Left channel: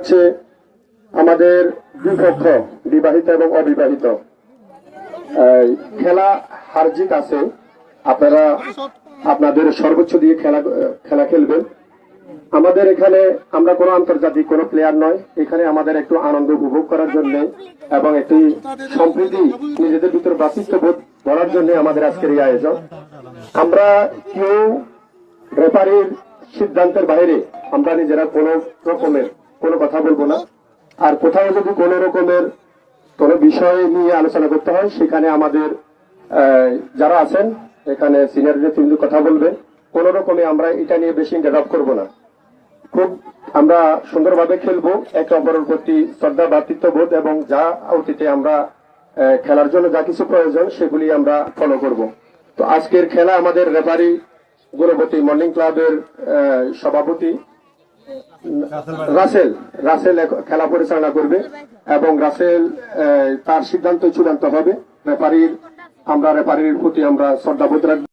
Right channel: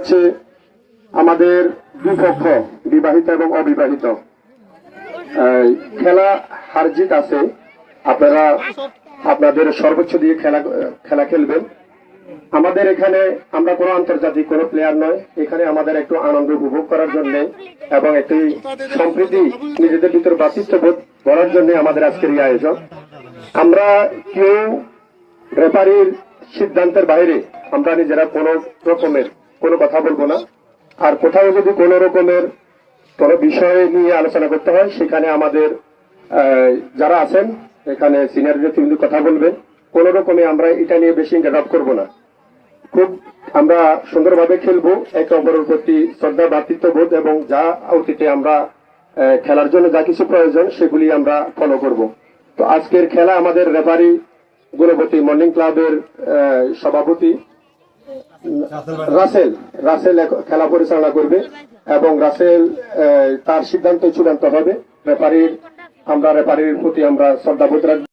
হচ্ছে আমাদের দুই পক্ষ, বিবাহিত এবং অবিবাহিত। খেলা হার জিত আছে, আপনারা আপনাদের সর্বোচ্চ দিয়ে খেলা খেলবেন। আমাদের এখানে আমরা কোনো আন্তর্জাতিক কোনো প্লেয়ার নয়, এখানে আমাদের একটু আনন্দ উপভোগ করার জন্য এবং একটি সম্প্রীতি নিজেদের ভিতরে ভ্রাতৃত্ববোধ করার জন্য আমাদের আজকের এই আয়োজন। আমরা কেউ রেফারির সিদ্ধান্তের বাইরে আমরা নিজেরা কোনো রকমের কোনো কথা বলবো না। আর কোথাও যদি কোনো রকমের কোনো বিষয় নিয়ে আলোচনা করতে হয়, সেখানে আমাদের যারা আছেন এখানে সিনিয়র কিন্তু কথা বলবেন। কোন রকমে আমরা এটা নিয়ে বেশি ইন্টারাপ্ট করবো না। খুব আমরা সুন্দরভাবে খেলবো, একে অপরের প্রতি শ্রদ্ধা, ভ্রাতৃত্ববোধ এবং যা অতীতে আমরা খেলার জন্য যা কিছু প্রয়োজন সেগুলি আমরা ফলো করব। তো আজকের খেলা আমাদের রেফারি গুণবতী মর্নিং ক্লাবের সভাপতি রাসেল খেলা পরিচালনা করবে এবং রাসেল তার সিদ্ধান্ত চূড়ান্ত হবে। রেফারির প্রতি আমরা শ্রদ্ধাবোধ রাখবো।